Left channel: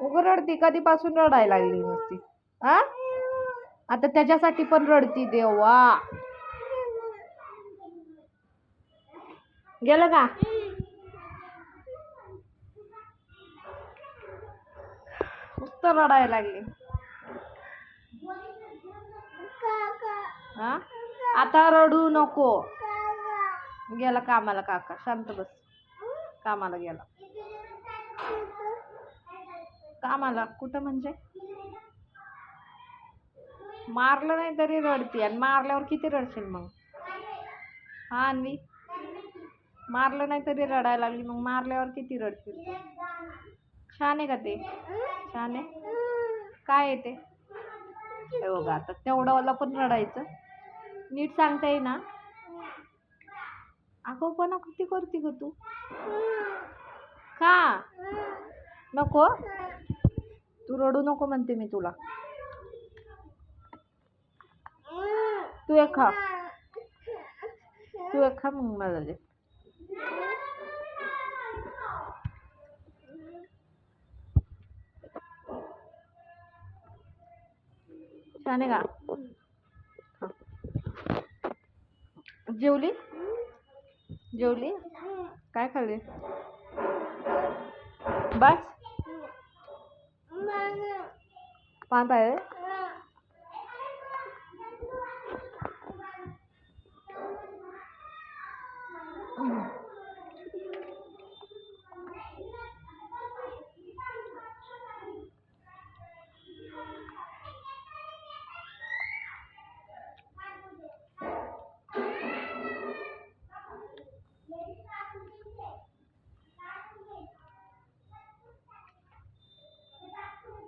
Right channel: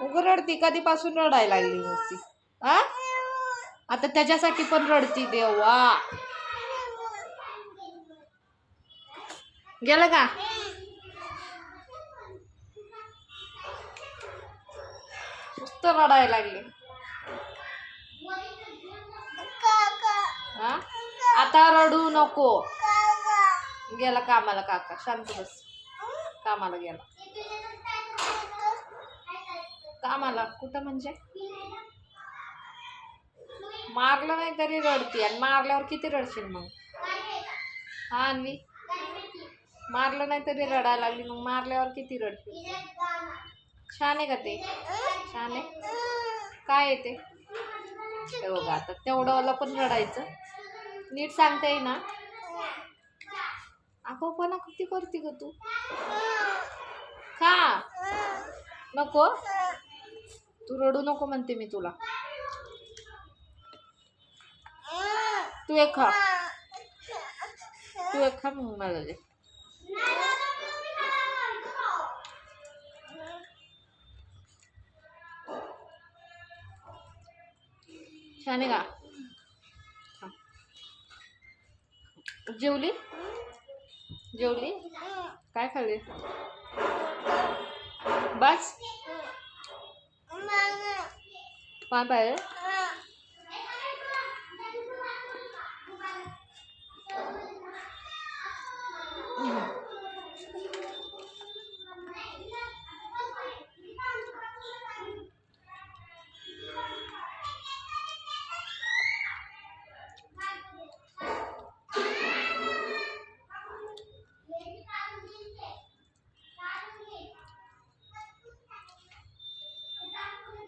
उगं रडती. कधीपासून रडायला लागली नुसती. आ? आता त्याच्यासाठी पण रडती देवा. गेलं का? नुसत रडायला लागली. हा आता रडू नको. गेला कामाला काका. शांत बस. कामाला गेला. कामाला. कुठं म्हणजे? मारलं नाही तरी रडती. आणि मारल्यावर किती रडशील मग? हा अन्वी? मारलं नाही तरी रडायला लागली. मग मारल्यावर किती रडतील छान आहे का ते? छान आहे. काय येते ते? बघा आता तेवढं पण रडायचं. नीट सांगता येई ना पण किती करते ग तू? का? नको? तू रडू नको म्हणते मी तुला. तू एक खा. तू एक खा मग मला दे. छान का जेवली? जेवली? काय खाल्ली? बस. Vape.